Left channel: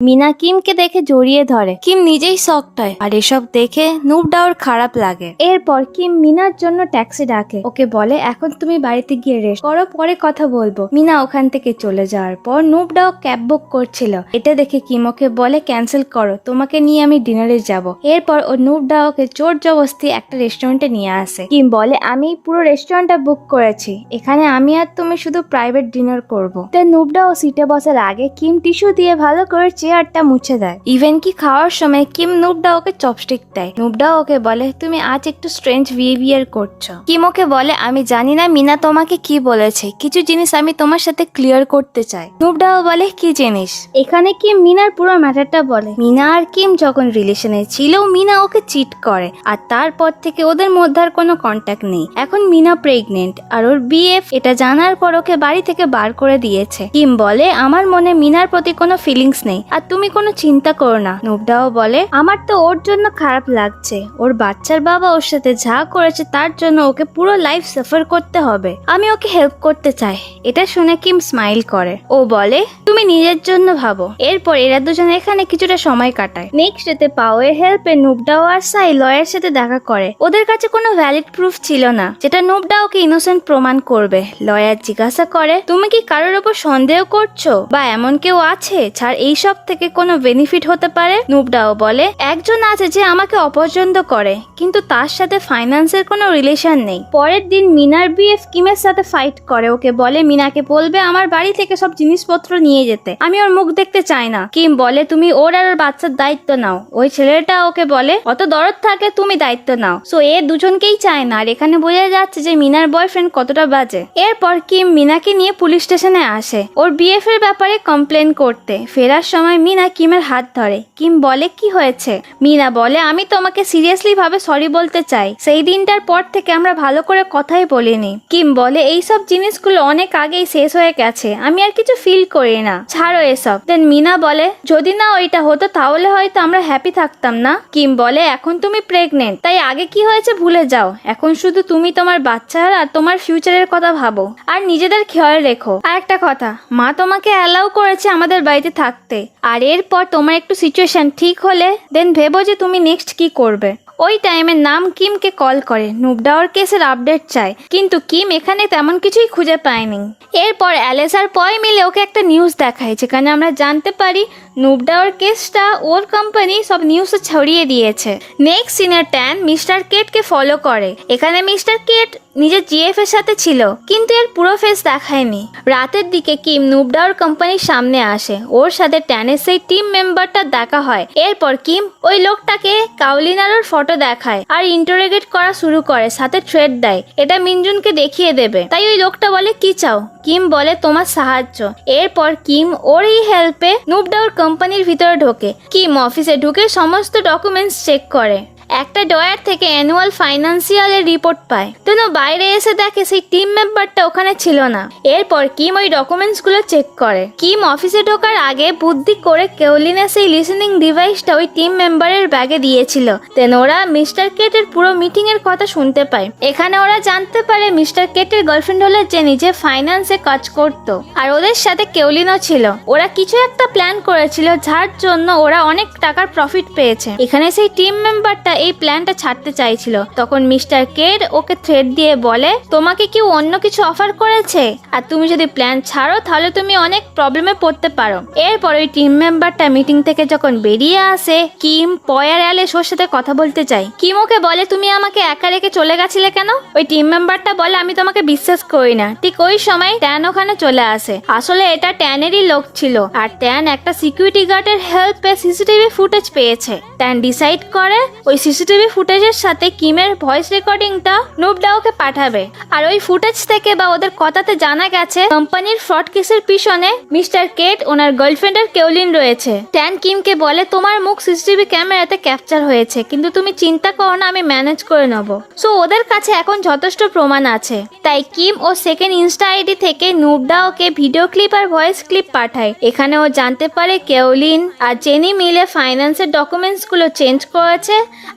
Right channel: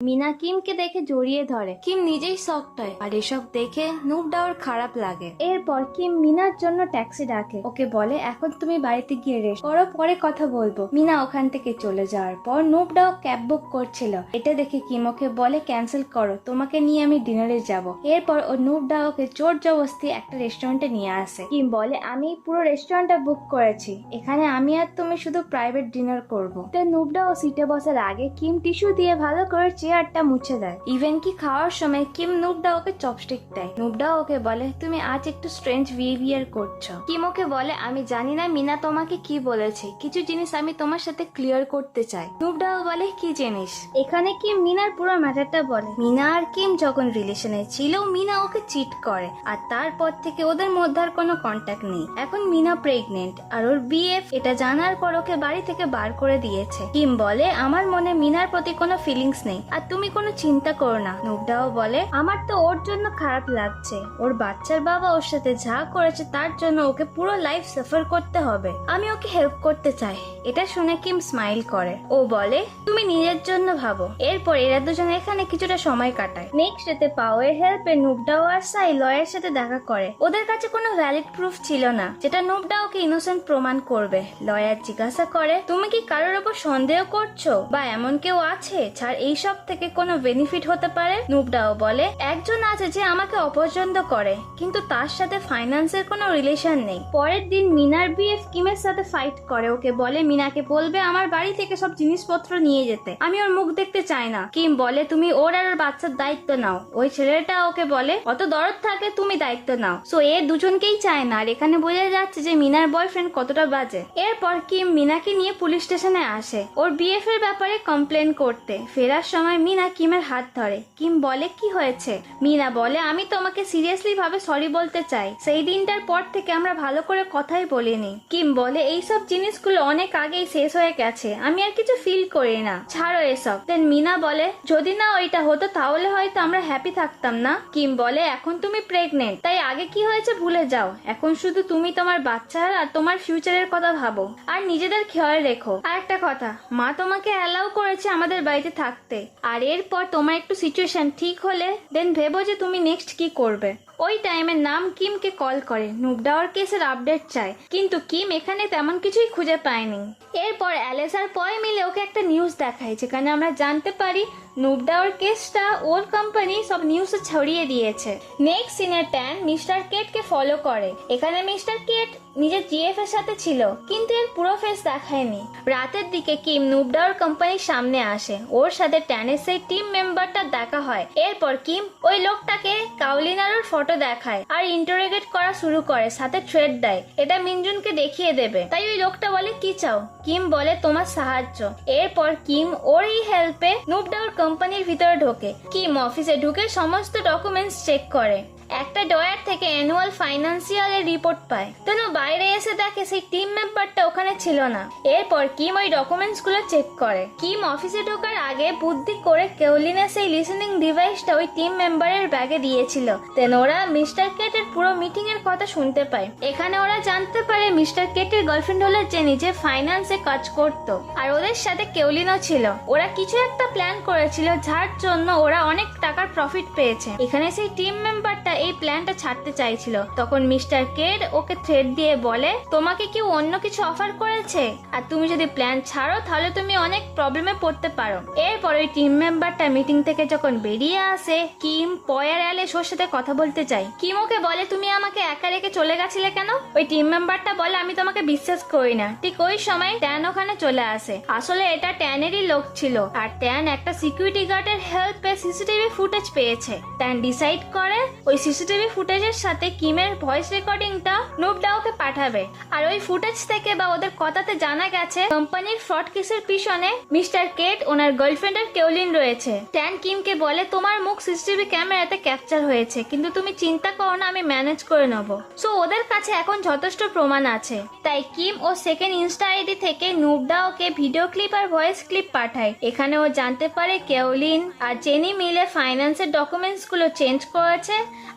মিনা কিমকে দেখে জড়িয়ে ধরে। কিম নিজেই শকড হয় আর এসব দেখে নুবডাওর খারাপ লাগে। এরপর কিম মিনার জন্য ট্যাক্সি ডাকে, ওকে বলে এখন তুমি বাড়িতে গিয়ে রেস্ট করো, পরে কথা বলবো। মিনা ওখান থেকে চলে যাওয়ার পর নুবডাও ক্যাব বুক করছিল, এটা দেখে কিম ওকে বলে ক্যান্সেল করো, তোমাকে নিয়ে আমি ডিনারে যাব। এরপর ও নুবডাওকে জোর জবরদস্তি একটা রেস্টুরেন্টে নিয়ে আসে। কিম বলে আমি পুরো রেস্টুরেন্টটা বুক করেছি, এখানে আমি আর তুমি শুধু প্রাইভেট ডিনার করবো। তো নুবডাও সিটে বসার আগে কিম টিস্যু দিয়ে ভালো করে চেয়ারটা মুছে দেয়। ইভেন কি খাওয়ার সময় কিম নুবডাওকে চপস্টিক দেয়। নুবডাও ওকে বলে তুমি আজ একটু স্ট্রেঞ্জ বিহেভিয়ার করছো। কিম ওকে বলে আমি জানি না মিনা তোমাকে কি বলেছে, কিছু জিনিস আমি তোমার সাথে ক্লিয়ার করতে চাই। নুবডাও বলে কি জিনিস? এখানে কিম মিনার পুরো ম্যাটারটা বলে। মিনা আর কিম যখন রিলেশনে ছিল মিনা ওকে চিট করে আর তারপর থেকে ওদের মধ্যে আর কোনো কন্ট্যাক্ট নেই। এখন মিনা প্রেগনেন্ট আর ওর বিএফ এটা জানার পর ওকে বাড়ি থেকে বার করে দিয়েছে। কিম বলে আমার মনে মিনার প্রতি কোনো ফিলিংস নেই আর তুমি কোনো চিন্তা করো না। নুবডাও বলে আমার তো ওর জন্য খারাপ লাগছে, ওর বাচ্চার বাবা ওর সাথে যা করেছে তার জন্য ওকে পুরো লাইফ সাফার করতে হবে, আমি ওকে হেল্প করতে চাই। এটা শুনে কিম স্মাইল করে, ও বলে তুমি নিজের জন্য ভাবো। এরপর এরা দুজন এখানে কিছুটা সময় কাটায়। নেক্সট ডেতে পাওয়ের হেল্পে নুবডাও আর সাই লয়ের সাথে দেখা করে। ওদের কাছে কোনো ভ্যালিড প্রুফ ছিল না যেটা নুবডাওকে ইনোসেন্ট প্রমাণ করবে। লয়ার জিজ্ঞাসা করে তুমি কি কারোর ওপর সন্দেহ করছো বা এমন কেউ আছে যার এইসব থেকে কোনো বেনিফিট হতে পারে? নুবডাও বলে একজন আছে যে আমাকে অপছন্দ করে কিন্তু তার সাথে ফাইন্যান্সের কোনো রিলেশন নেই। পরের দিন মিনার বিএফ কিমের সাথে ফাইট করে, ওকে বলে মিনাকে বলবে আমার বাড়ি থেকে সব জিনিসপত্র নিয়ে যেতে, আমি ওর মুখ দেখতে চাই না। কিম বলে তুমি ওর আর ওর বাচ্চার দায়িত্ব নাও। ওই ছেলেটা ওকে বলে অত দরদ থাকলে তুমি দায়িত্ব নাও। সো এ দুজনকেই চায় না আর এখানে বোঝা যাচ্ছে যে মিনার বয়ফ্রেন্ড কতটা বাজে। এরপর কিম মিনাকে নিয়ে পুলিশ স্টেশনে আসে ওর বিএফ এর ব্যাপারে কমপ্লেন করতে। ফেরার সময় মিনা কিমের হাত ধরে। কিম বলে কি হয়েছে? মিনা বলে আমি তোমাকে সিরিয়াসলি ভাবে সরি বলতে চাই, সেই দিনটার পর থেকে আমরা ভালো করে কথাই বলিনি। কিম বলে এইসব জিনিসগুলো অনেক আগেই শেষ হয়ে গেছে, আমি আর কিছু ফিল করি না, ছাড়ো এসব। দেন মিনা বলে যদি না ওইটা হতো তাহলে হয়তো আমরা হ্যাপি থাকতাম না। কিম বলে এখন তুমি প্রেগনেন্ট, তাই আগে কি হয়েছে ভুলে যাও, এখন শুধু তুমি তোমার বাচ্চার আর তোমার ফিউচারের কথা ভাবো আর নিজেদের খেয়াল রেখো। আর একটা কথা, মা তোমাকে অ্যালাউ করেছে আমাদের বাড়িতে থাকতে, আর এরপর তোমার একটু সিচুয়েশন ঠিক হলে দেন ভেবো যে তুমি নেক্সট কি করবে। ওই টাইমে নাম কিমকে কল করে নুবডাওর কেসের আপডেট চায়, কিন্তু কিম এখানে তেমন কিছুই খুঁজে পায়নি। এরপর অ্যালেস আর পয় মিলে ওকে একটা নিউজ দেখায় যেখানে আমরা জানতে পারি নুবডাওর কেসটা ওর কোম্পানি সব নিউজে ছড়িয়ে দিয়েছে। নেক্সট সিনে ট্যান মিস্টার কেটকে ফলো করে। এখানে মিস্টার কেট নিজের জিএফ এর সাথে ছিল কিন্তু এর পুরো ফেস দেখায়নি। রাতের দিকে কিম নুবডাওর কোম্পানির সামনে আসে, ওর সাথে ট্যানের সেই টিম মেম্বারটা দেখা হয়। এরপর কিম ওই লোকটাকে কাউলিনার ফটো দেখায় আর ইন্টারোগেট করা শুরু করে, সাথে থ্রেট দেয় এটা মিনজুনকে দেখিয়ে দেবে। তাই ওই লোকটা বলে কি চাও? কিম বলে তোমার সাহায্য। এরপর কিম ওর এই হেল্পে নুবডাওর কোম্পানির ভিতরে ঢোকে। কিম অফিসে ঢুকে সমস্ত ডকুমেন্টস চেক করে, একটা ডয়ার থেকে অ্যানুয়াল ফাইন্যান্সিয়ালের রিপোর্ট পায়। তেন বাইরে এসে দেখে সেই টিম মেম্বারটা ওখানে ছিল না। এরপর কিম ওই ডকুমেন্টস গুলো চেক করে। কিম অফিসে ঢোকার আগে বুদ্ধি করে কেওলিনের সেই লিসেনিং ডিভাইসটা ওই টিম মেম্বারের ব্যাগে দিয়েছিল। তেন ওরা মিস্টার কেটের পুরো মিটিং এর কথা শুনতে পায়। এখানে ওরা জানতে পারে মিস্টার কেটের গার্লফ্রেন্ড হলো জেনি, যে ফাইন্যান্সে কাজ করতো আর ওদের সাথে কেওলিনও ছিল। ওরা কিছু একটা প্ল্যান করেছিল যার জন্য ওরা অনেক টাকার প্রফিট পেয়েছে। এখানে সেই টিম মেম্বারটা এই প্ল্যানটা ছাড়তে চাইছিল। তখন মিস্টার কেট ওকে থ্রেট দিয়ে বলে তোমাকে কেউ অন্য কিছু অফার করেছে আর তুমি যদি প্ল্যান ছাড়ো তাহলে তুমি অনেক প্রবলেমে পড়তে পারো। এরপর ওই টিম মেম্বারটা মিটিং থেকে যখন বেরিয়ে আসে কিম পয় আর অ্যালেস ওর সাথে কথা বলতে চাই। কিম ওকে বলে তুমি আমাকে একা রেখে চলে গেছিলে কেন? ওই টিম মেম্বারটা বলে আমি তোমাকে বিশ্বাস করি না। ঠিক ওই সময় ট্যান ওখানে চলে আসে। আসলে এটা ট্যানেরই লোক ছিল আর ট্যান একটা সিকিউরিটি গার্ডের হেল্পে সিসিটিভি ফুটেজ পেয়েছে। ট্যান ডিসাইড করে ওই সিসিটিভি ফুটেজের সাথে কিমের ভয়েস রেকর্ডিংটা নুবডাওকে পাঠাবে। আর ওই ফুটেজ থেকে বা ওদের কথাতে জানা গেছে কোম্পানির ফ্রড কেসের পিছনে মিস্টার কেট ওনার গার্লফ্রেন্ডের কেওলিন রয়েছে। ট্যান কিমকে বলে তোমার মুখ সিসিটিভি ক্যামেরাতে ক্যাপচার হয়েছে, কিন্তু তুমি চিন্তা করো না, আমি ম্যানেজ করে নেবো। সো ওদের কাছে এখন যথেষ্ট প্রমাণ আছে। তাই কিম ও সেকেন্ড ইনস্টা আইডি থেকে নুবডাওকে ভিডিও ক্লিপ আর ভয়েস ক্লিপ পাঠায়। এখানে ও জানতে পারে কেওলিন আর জেনি মিলে ফাইন্যান্সের ডকুমেন্টস গুলো চেঞ্জ করেছে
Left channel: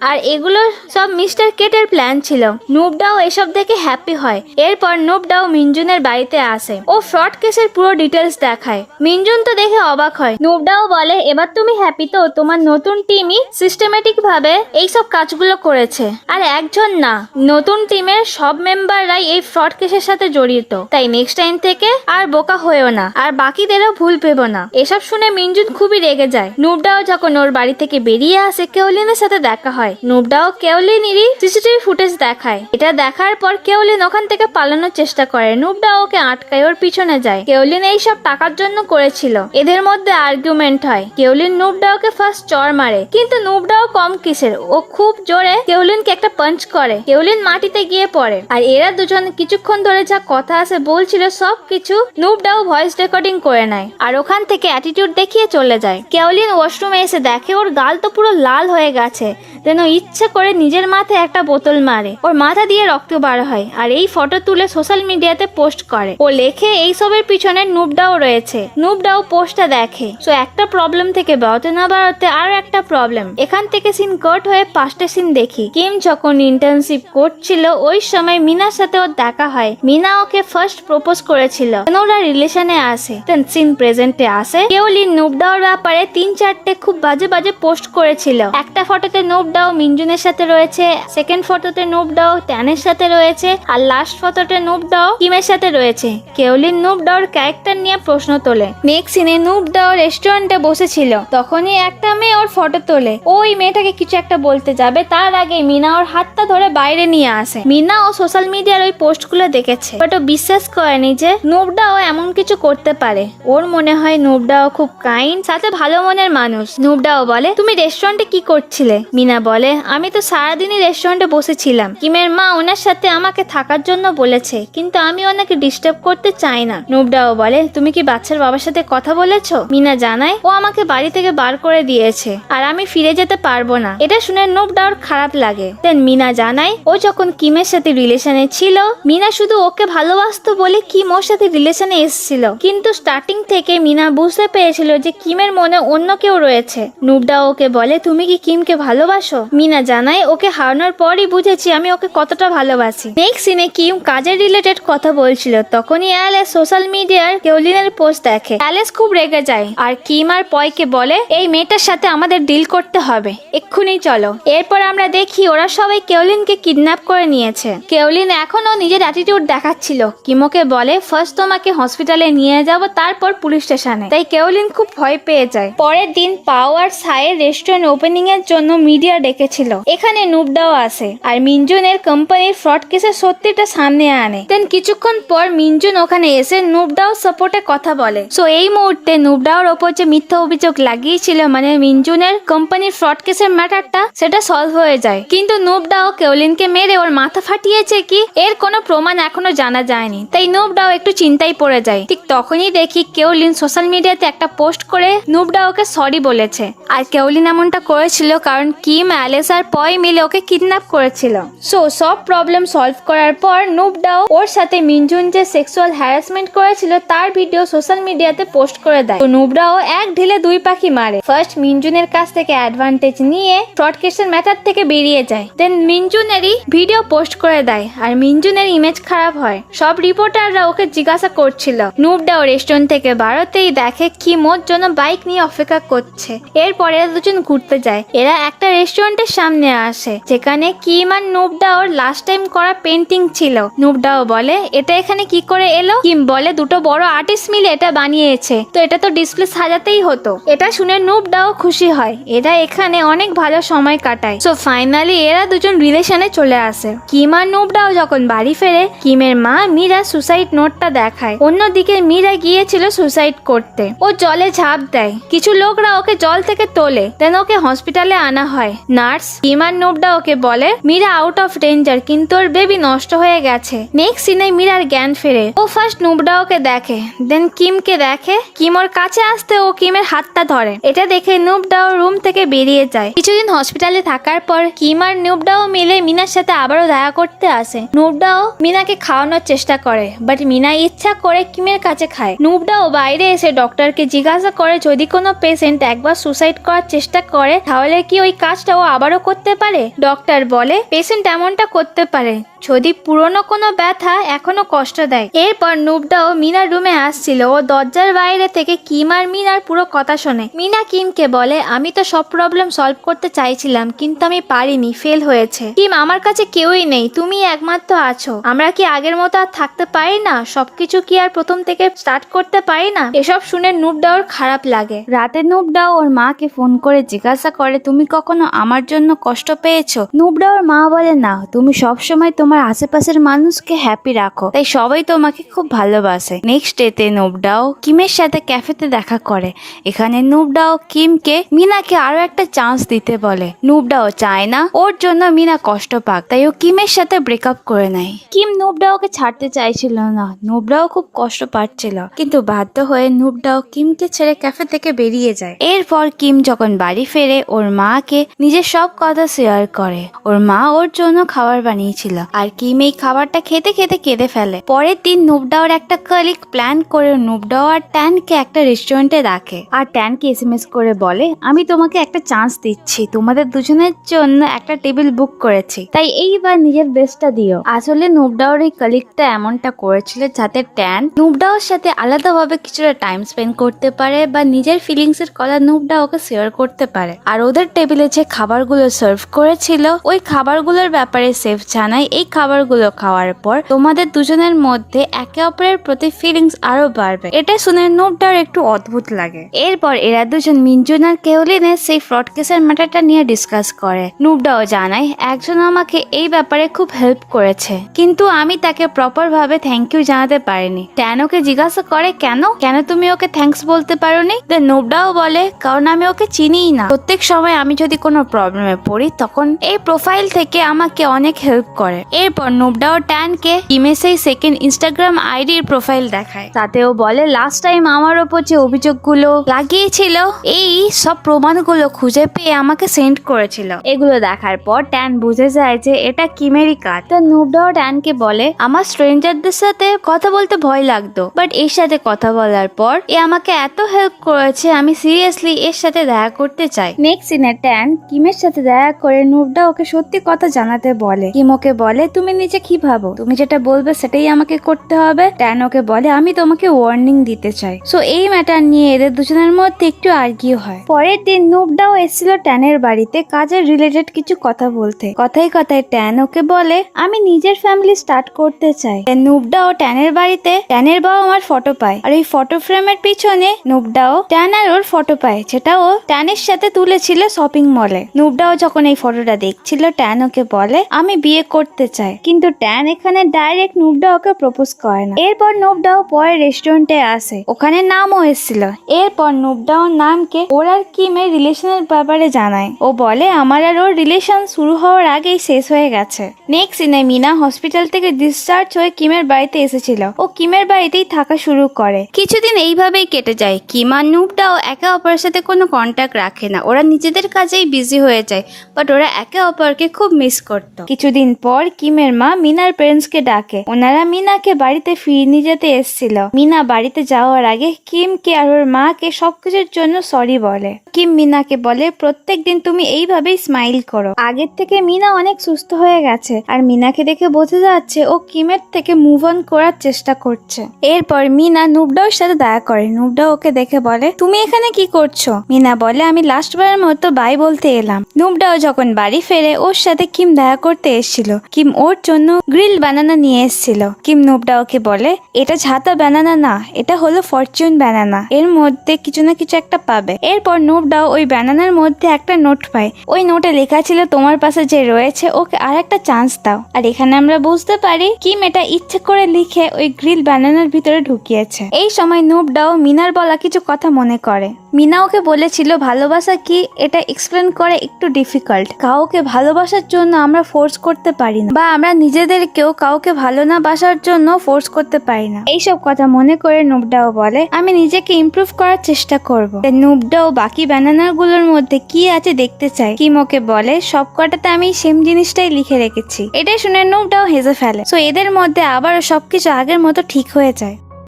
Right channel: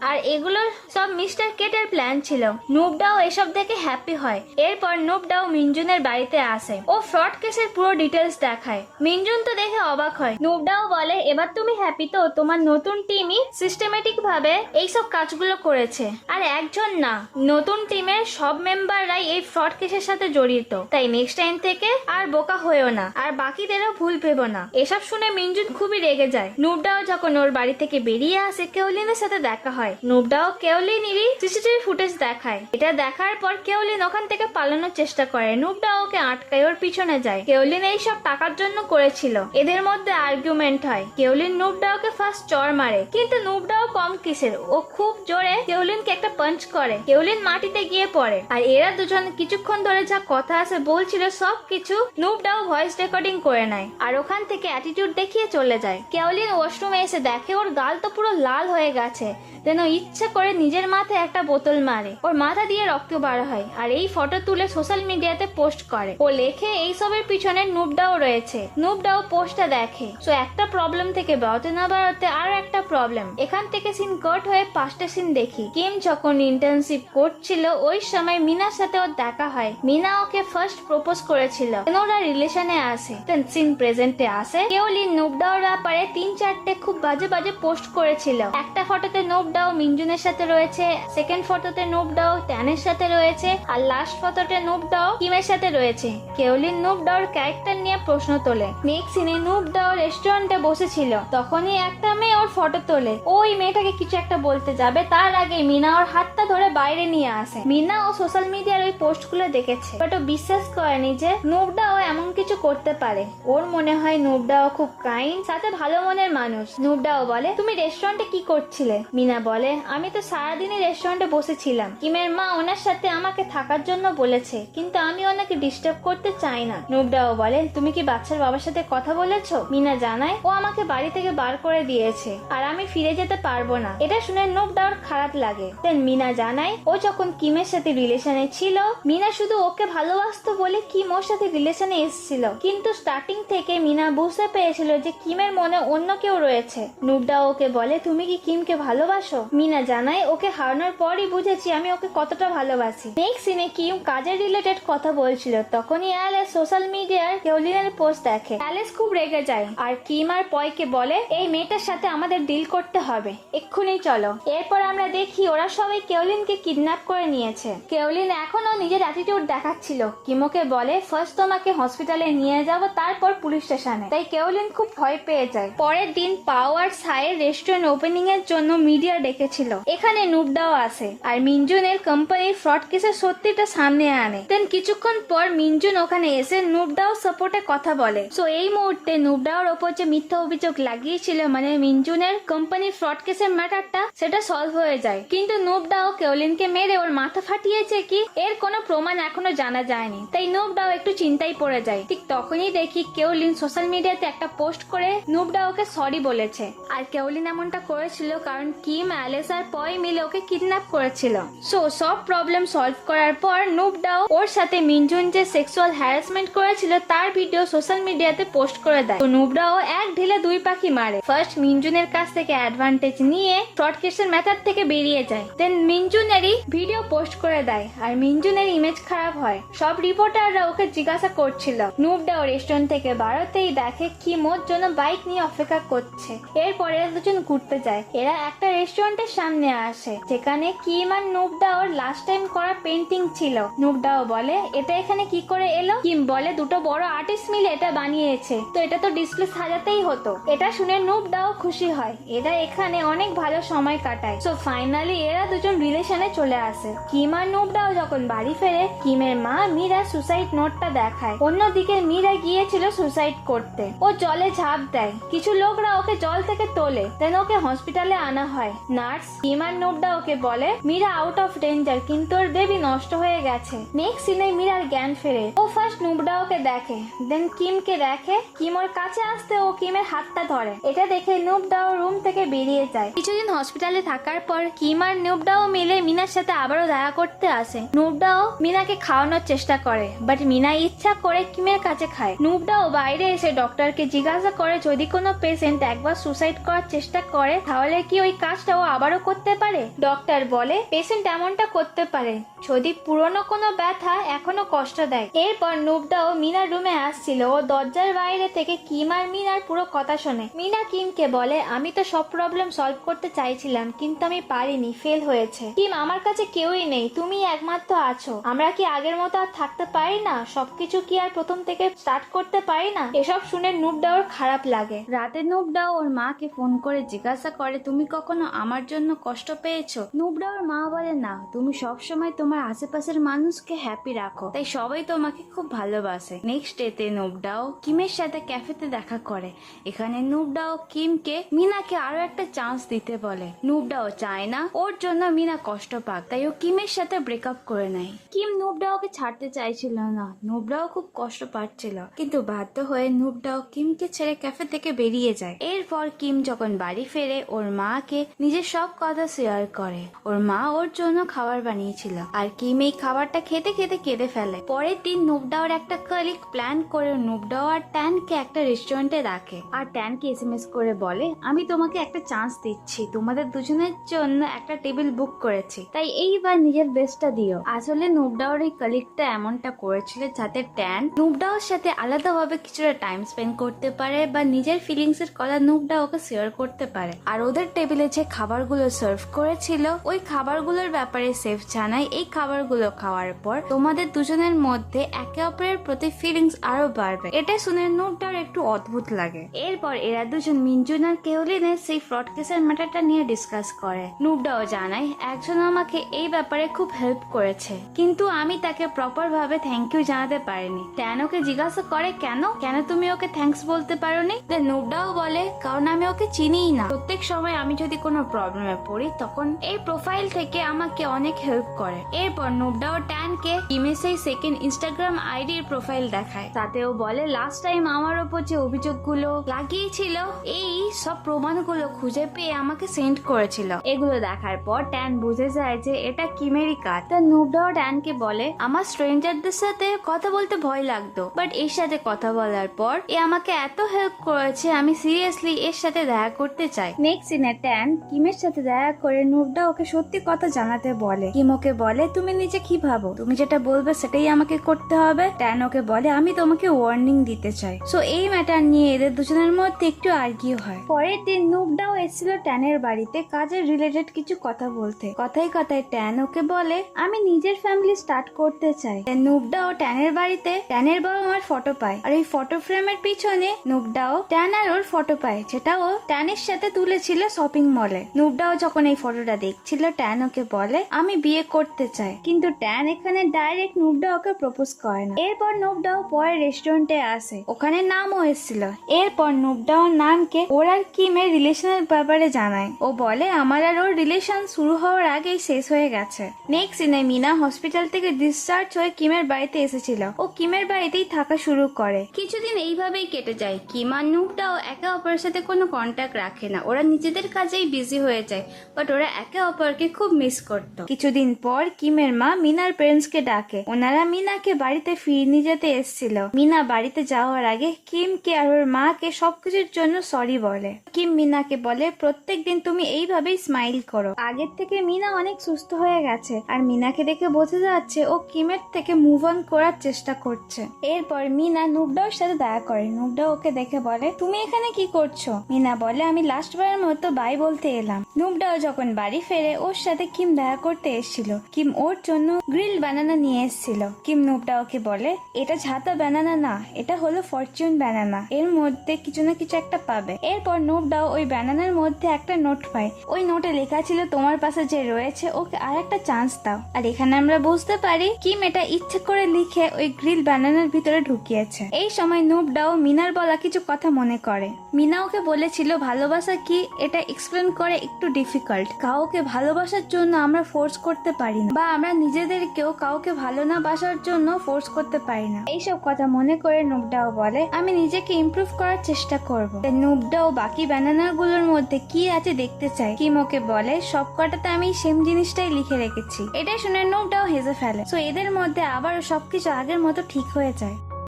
আর এগুলো সব মিস্টার কেটের প্ল্যান ছিল। নুবডাও এসব দেখে হ্যাপি হয়। এরপর নুবডাও মিনজুনের বাড়িতে আসে। ও ফ্রড কেসের পুরো ডিটেলস দেখায়। মিনজুন তো দেখে অবাক হয়। নুবডাও বলে এবার তুমি হ্যাপি তো? তোমার নতুন টিমই সিস্টেমেটিক ভাবে এইসব কাজগুলো করেছে। আর একজন না, নতুন টিমের সব মেম্বাররাই এই ফ্রড কেসের সাথে জড়িত। তাই নেক্সট টাইম থেকে আর বোকা হয়েও না, আর বাকিদেরও ভুল ভেবো না। এসব শুনে মিনজুন খুবই রেগে যায়। নুবডাও যখন ওর বাড়ি থেকে বেরিয়ে আসে, কেওলিনের সাথে দেখা হয়। নুবডাও কেওলিনেরই সিসিটিভি ফুটেজ দেখায়। এটা দেখার পর কেওলিন ওখান থেকে পালানোর চেষ্টা করে। নুবডাও ওকে আটকায়, ওর পিছনে যায়। কেওলিন এইসব টাকার জন্য করেছিল। এদের মধ্যে আর্গুমেন্ট হয়। কেওলিন নুবডাওকে ফার্স্ট চড় মারে, কিন্তু নুবডাও কম কিসের, ও খুব জোরে কেওলিনকে একটা পাঞ্চ করে। কেওলিন মাটিতে গিয়ে পড়ে। আর এরা দুজন কিছুক্ষণ ধরে যা কথা আছে বলছিল সব কিছু নুবডাও ভয়েস রেকর্ডিং করে নেয়। আর ওখান থেকে অ্যাটিটিউড দেখিয়ে চলে যায়। কেওলিন ওয়াশরুমে এসে দেখে ওর গাল তো পুরো লাল হয়ে গেছে। যেন ইচ্ছে করে নিজের মাথায় একটা বোতল মারে। ওর মাথা দিয়ে রক্ত বার হয়। আর এই ফটো তুলে সোশ্যাল মিডিয়াতে পোস্ট করে। ও লেখে এইসবের পিছনে নুবডাও রয়েছে। নুবডাও পোস্টটা দেখে। সো একটা প্রবলেম থেকে বেরোতে না বেরোতে আর একটা প্রবলেম। এখান থেকে সিন কাট হয়ে 5টা সিন দেখি। কিম যখন ইন্টার্নশিপ করছিল ওই সময় মিনার সাথে ওর দেখা হয়। মিনা ওকে ফার্স্ট প্রপোজ করেছিল, ওরা রিলেশনে আসে। দেন সিন প্রেজেন্টে আসে। কেওলিন নুবডাওর ব্যাপারে 3-4টে খুব বাজে বাজে পোস্ট করেছিল। একটা ফটোতে নুবডাও মিনজুনের সাথে রয়েছে, সেকেন্ড ফটোতে নুবডাও ট্যানের সাথে রয়েছে, আর লাস্ট ফটোতে নুবডাও কিমের সাথে রয়েছে। কেওলিন নুবডাওর ক্যারেক্টার নিয়ে প্রশ্ন তোলে। নেক্সট সিনে নুবডাও রেস্টুরেন্টে বসেছিল। তখনই একটা মেয়ে ওর ফটো তোলে। ওই মেয়েটাকে কিছু একটা বলতে যাবে, তার আগে মিনা ওর হাতটা ধরে বাইরে নিয়ে আসে। মিনা ও সোশ্যাল মিডিয়ার ওই পোস্টগুলো দেখেছে, বাট ও বিশ্বাস করেনি যে নুবডাও এমন কিছু করতে পারে। ওর মনে হয় নুবডাও খুব কাইন্ড, সাথে ভালো মনের মানুষ। নুবডাও বলে তুমি রেস্টুরেন্টে কি করছিলে? মিনা বলে আমি তো সারাদিনই রেস্টুরেন্টে বসেছিলাম। কিমের মা ওনার সাথে আমাকে থাকার জন্য বলেছে, কিন্তু আমি ওনাকে ডিস্টার্ব করতে চাই না। নুবডাও বলে তুমি কি বাচ্চার বাবার সাথে কথা বলেছো? মিনা জানায় ও আমাকে বাড়ি থেকে বার করে দিয়েছে, আর আমি ফিরে যেতে পারবো না। এটা শুনে নুবডাওর খারাপ লাগে। দেন মিনা জানায় ও যখন কিমের সাথে রিলেশনে ছিল, মিনা শুধু ওকে ভালোবাসতো বলে কিম ওর সাথে রিলেশনে এসেছিল। কিন্তু স্টার্টিং থেকে মিনা বুঝতে পেরেছিল যে কিমের মনে অন্য কেউ রয়েছে। নুবডাও ওকে বলে তুমি কি কিমকে ভালোবাসো? মিনা জানায় ওকে হারানোর পরই বুঝেছি আমি ওকে কতটা ভালোবাসি। নেক্সট সিনে কিম কাজের রিলেটেড কথা বলছিল। তখনই অ্যালেস সোশ্যাল মিডিয়ার কেওলিনের পোস্ট দেখে। অ্যালেস খুব রেগে যায় আর কিম আর পয়কে বলে এই মেয়েটার সাথে আমাদের ডিল করতে হবে, এক্ষুনি চলো। এরপর আমরা দেখি ওরা সবাই কেওলিনকে কিডন্যাপ করে নিয়েছে। কেওলিন এখনো নিজের অ্যাটিটিউড দেখাচ্ছিল। কিমোকে বলে ফার্স্ট তোমাকে হসপিটালে নিয়ে যাব, তারপর পুলিশ স্টেশনে। তাই কেওলিন খুব ভয় পেয়ে যায়। পরের দিন পাও আর সায়ের রেস্টুরেন্ট ওপেনিং এর জন্য মিডিয়া ডেকেছিল। এখানে নুবডাও আসে আর মিনজুনের কোম্পানির ফ্রড কেসের সত্যিটা সামনে আনে। দেন কিছুক্ষণ পর মিনজুন ওখানে এসে নুবডাও সাপোর্টে কথা বলে। সো এই মুহূর্তে নুবডাওর ওপর যে মিথ্যা অভিযোগ লাগিয়েছিল, মানে মিনজুনের কোম্পানির ফ্রড কেসের ম্যাটারটা, সেটা সলভ হয়ে যায়। কিন্তু নুবডাও কেওলিনকে মেরে ওর মাথা ফাটিয়েছে কি, এর কোনো প্রমাণ এখনো জানা যায়নি। তাই নুবডাও একটু চিন্তায় পড়ে যায়। ঠিক তখনই দেখি কেওলিন সোশ্যাল মিডিয়াতে একটা পোস্ট করে নুবডাওকে সরি বলেছে। আর কেওলিন এমনটা করেছিল কারণ কিম, অ্যালেস আর পয় মিলে ওকে কিডন্যাপ করেছিল। সো সব প্রবলেম সলভ করার পর নুবডাও ওর সাথে মিনজুন যে সেক্সুয়াল হ্যারাসমেন্ট করেছিল তার ভিডিও সোশ্যাল মিডিয়াতে পোস্ট করে দেয়। তো নুবডাও এক ঢিলে দুই পাখি মারে। ফার্স্ট মিনজুনের কাছ থেকে অ্যাডভান্টেজ নিয়ে ফ্রড কেসের ম্যাটার থেকে বেরিয়ে যায়। দেন মিনজুনেরই ভিডিও পোস্ট করে দেয় আর মিনজুনের ইমেজ খারাপ হয়। সব রিপোর্টাররা ওকে জিজ্ঞাসা করছিল। নুবডাও রেস্টুরেন্ট থেকে বাড়তেই দেখে কিম ওর জন্য বাইক নিয়ে অপেক্ষা করছে। এরপরে দুজন ঘুরতে যায়। এরা একটা রেস্টুরেন্টের সামনে আসে যেখানে কিম আর নুবডাওর লাস্ট টাইম করা পেন্টিং ছিল। নুবডাও বলে এটা এখানে কি করে এলো? কিম বলে দুটো বড় আর্টিস্ট মিলে এটা বানিয়েছে, তো এটা তো ডিসপ্লে সাজাতেই হতো। এটা শুনে নুবডাও খুশি হয়। এরা এখানে অনেক ভালো সময় কাটায়। সো ফাইনালি এরা দুজন রিলেশনে চলে আসে। কিম আর নুবডাও যখন বাড়ি ফেরে, কিমের মা মীরা সুসাইড নোটটা দেখায়। অন্যদিকে মীরা গিয়েছিল সুসাইড করতে। ও জলে ঝাঁপ দেয়। কিছু লোকরা ওকে জল থেকে তোলে। দেন ওকে হসপিটালে আনা হয়। নার্স কিম আর নুবডা ওকে বলে মীরা আউট অফ ডেঞ্জার, কিন্তু ওর বেবি নষ্ট হয়ে গেছে। নেক্সট সিনে মীরার জ্ঞান ফেরে। ও ফার্স্ট নুবডা ওকে দেখে, দেন কিমকে দেখে। কিম ওর কাছে আসতে ও কিমের হাতটা ধরে। এটা দেখে নুবডাও রুম থেকে বেরিয়ে যায়। কিছুদিন হসপিটালে থাকার পর কিম আর নুবডাও মিলে মিনার সাথে আবারও দেখা করতে আসে। নুবডাও মিনাকে খাওয়ানোর চেষ্টা করে, বাট মিনা ইচ্ছা করে কিমের কাছে খায়। নুবডাও বাইরে এসে ডক্টরকে জিজ্ঞাসা করে যদি কোনো পেশেন্ট একবার সুসাইড করার চেষ্টা করে তাহলে কি ওই কাজটা ও আবারও করতে পারে? ডক্টর বলে পেশেন্ট এমনটা করতে পারে যদি পুরনো কোনো ব্যথা এখনো কষ্ট দেয়। এরপর নুবডাও মিনার রুমে আসছিল। ও দরজার বাইরে থেকে কিম আর মিনার পুরো কথা শোনে। মিনা কিমকে বলে আমি তো সব প্রবলেম সলভ করতে চাইছিলাম কিন্তু আমি পারিনি, ফেল হয়েছে। কিম আমার কাছে কেউই নেই, তুমি একমাত্র আছো। আমরা কি আগের মতো আর থাকতে পারি না? সবকিছু কি আর প্রথম থেকে স্টার্ট করতে পারি না? এসব শুনে নুবডাওর খারাপ লাগে। রাতে নুবডাও ওর মাকে ফোন করে জিজ্ঞাসা করে তুমি কখনো আমার জন্য কষ্ট পেয়েছো? নুবডাওর মা বলে না, তুমি সবসময় তোমার আশেপাশের মানুষকে হ্যাপি রাখো, তাই সবাই তোমাকে খুব ভালোবাসে। নেক্সট ডেতে নুবডাও কিমের সাথে ক্যাফেতে দেখা করে। এখানে নুবডাও কিমকে মিনাকে আরো একটা চান্স দিতে বলে। নুবডাও চায় না ওর জন্য মিনা কষ্ট পাক, তাই ও কিমের সাথে ব্রেকআপ করে নেয়। কিম নুবডাওকে ছাড়তে চাইছিল না, নুবডাও খুব কষ্ট পাচ্ছিল, কিন্তু বাধ্য হয়ে নুবডাও কিমকে ছেড়ে ক্যাফে থেকে বেরিয়ে যায়। এরপর কিম যখন বাড়ি ফেরে ওর মাকে নিজের সব কথা শেয়ার করে। ওর মা ওর জন্য খাবার বানিয়েছিল আর কিম এই খাবারটা খেতে খেতে কেঁদে ফেলে। পরের দিন নুবডাওর একটা কলিগ প্ল্যান করে নুবডাও আর ট্যানকে একটা রেস্টুরেন্টে রাখে আর ট্যানকে এসএমএস করে বলে আমি তোমাকে একটা চান্স দিচ্ছি, তোমাদের দুজনের জন্য একটা টেবিল বুক করেছি, তাই এইবার নিজের বেস্টটা দিও। আসলে নুবডাওর এই কলিগটা এমনটা করেছিল যাতে ট্যান নুবডাওর সাথে আলাদাভাবে কিছুটা টাইম স্পেন্ড করতে পারে বা নিজের ফিলিংস এর কথা নুবডাওকে শেয়ার করতে পারে। আর ওদের টেবিলে যে খাবারগুলো সার্ভ করেছিল ওই খাবারগুলোর ব্যাপারে সেফ জানায় এই খাবারগুলো খাওয়ার পর তোমাদের দুজনের মধ্যে একে অপরের প্রতি ফিলিংস আরো বাড়বে। এটা শুনে নুবডাওর একটু অদ্ভুত লাগে। এরপর এরা দুজন মিনজুন আর কেওলিনের সেই ফ্রড কেসের ম্যাটারটা নিয়ে ডিসকাস করে। নুবডাও জানায় একজন আমাকে এই ব্যাপারে খুব হেল্প করেছে কিন্তু আমি তাকে প্রপার ভাবে থ্যাংক ইউ জানাতে পারিনি। ট্যান ওকে জিজ্ঞাসা করে কেন তুমি ওকে থ্যাঙ্কস বলতে পারোনি? নুবডাও বলে কারণ আমি ওকে চিনিই না, প্রত্যেক সময় আমি যদি কোনো প্রবলেমে পড়ি তখন এই প্রোফাইল থেকে আমাকে অনেক হেল্প করে। এরপর নুবডাও ট্যানকে কিমের সেই সেকেন্ড ইনস্টাগ্রাম আইডির প্রোফাইল দেখায়, তাতেও বলে লাস্ট টাইম আমার ওপর যে অভিযোগগুলো লাগিয়েছিল এই সব প্রমাণগুলো খুঁজে পেয়ে আমাকে সেন্ড করেছিল। এগুলো দেখার পর ট্যান বুঝে যায় যে এটা কিমেরই কাজ। তা নুবডাও ট্যানকে বলে আমার স্ট্রেঞ্জারদের সাথে কথা বলতে ভয় লাগতো, বাট এর সাথে কথা বলার পর এ আমাকে এত হেল্প করেছে আমি সিরিয়াসলি এর সাথে দেখা করতে চাই। নেক্সট সিনে ট্যান কিমের সাথে দেখা করে নুবডা ওকে সত্যি কথা জানাতে বলে। কিম ওকে বলে তুমি নিজে কি ভাবো, তুমি যেটা বলবে সেটাই আমাকে করতে হবে। ট্যান ওকে বলে আমি তোমাকে ওয়ার্নিং দিতে চাই। সো এই ম্যাটার নিয়ে এদের দুজনের মধ্যে একটু আর্গিউ হয়। পরের দিন নুবডাও এসেছিল ট্যানের বাড়িতে কাজের রিলেটেড কিছু কথা বলতে। কথায় কথায় ট্যান ওকে বলে আমি নিজের ফ্যামিলি স্টার্ট করতে চাই। নুবডাও ট্যানের বাড়িতে ট্যানের বাবা মার ফটো পায় আর এই ফটো ফ্রেমের পিছনে নুবডাও ট্যান আর ওর ফটো পায় যেটা ও ট্যানের সাথে তুলেছিল শপিং মলে। নুবডাও যখন এই ফটোটা দেখছিল ট্যান ওকে বলে আমি বিয়ে করতে চাই, কিন্তু ট্যান এখানে ডাইরেক্ট নুবডাওকে প্রপোজ করে না। এরপর নুবডাও পরে রেস্টুরেন্টে আসে, ওখানে নামও এসেছিল। এরপর নুবডাও নামকে ওর আর কিমের রিলেশনের ব্যাপারে জানায়। ও বলে আমার আর ওর রিলেশন শুরু হওয়ার আগেই শেষ হয়ে গেছে। নেক্সট সিনে মিনা হসপিটাল থেকে ডিসচার্জ হয়ে কিমের বাড়িতে এসেছিল। ও কিমের বাড়িতেই থাকা শুরু করে। কিছুদিন এইভাবেই কেটে যায়। কিম আর নুবডাও একে অপরের সাথে কোনো কন্ট্যাক্ট রাখে না, ওরা নিজেদের কাজেই বিজি হয়ে যায়, বাট ওরা একে অপরকে খুব মিস করত। কিছুদিন পর কিমের মা মিনার পেরেন্টসকে ডাকে, ওনারা মিনাকে বাড়িতে ফিরিয়ে নিয়ে যেতে এসেছিল। মিনা বাড়িতে যাওয়ার আগে কিমকে আর ওর মাকে সবকিছুর জন্য সরি বলে। কিম মিনাকে বলে প্রত্যেক দিন তুমি এইভাবেই স্মাইল করো। আগের থেকে মিনা অনেক সুস্থ হয়ে গেছে আর মিনাকে দেখে বোঝা যাচ্ছে ও কিমের থেকে মুভ অন করার চেষ্টা করছে। এরপর মিনা নুবডাওর সাথে দেখা করে। নুবডাও ওকে দেখে বলে তুমি এখানে কি করছো? মিনা বলে আমি লাস্টবারের মতো বাই বলতে এলাম। নুবডাও যখন বাড়ি ফেরে ওর সাথে কিম দেখা করতে এসেছিল। কিম ওর জন্য গ্রিল বানানা নিয়ে এসেছিল। কিম নুবডাওকে বলে এটা ঝাতা বানানা না, এটা হলো ফরচুন বানানা, এর মধ্যে কিছু না কিছু একটা পাবে। এরপর নুবডাও ওই বানানার মধ্যে একটা নোট পায়। ওই নোটে লেখা ছিল তোমার পাশে যে রয়েছে ওকে আর একটা চান্স দাও। আর এখানে আমরা বুঝতে পারি কিম এটা ইচ্ছে করে লিখে ওই গ্রিল বানানার ভিতরে ঢুকিয়েছে। এই সময় নুবডাও মিনার বলা কিছু কথা মনে করে। মিনা ওকে বলেছিল ভালোবাসা কি এটা এক্সপ্লেন করে একটু ডিফিকাল্ট। কাউকে ভালোবাসার জন্য আমরা ফোর্স করতে পারি না, বা আমরা নিজেদেরকেও কাউকে ভালো না বাসার জন্য ফোর্স করতে পারি না। এইসব কথা মনে করে নুবডাও বলে আমি নিজেকে ইমপ্রুভ করার চেষ্টা করব। নুবডাও বাকি ব্যানানার গুলোর মধ্যে কি আছে দেখতে চাই। কিম ওকে বলে সব কটাতে আমি সেম জিনিসটাই লিখে রেখেছি। এটাই শুনে নুবডাও হেসে ফেলে। সো এদের মধ্যে আবারও সবকিছু আগের মতো ঠিক হয়ে যায়।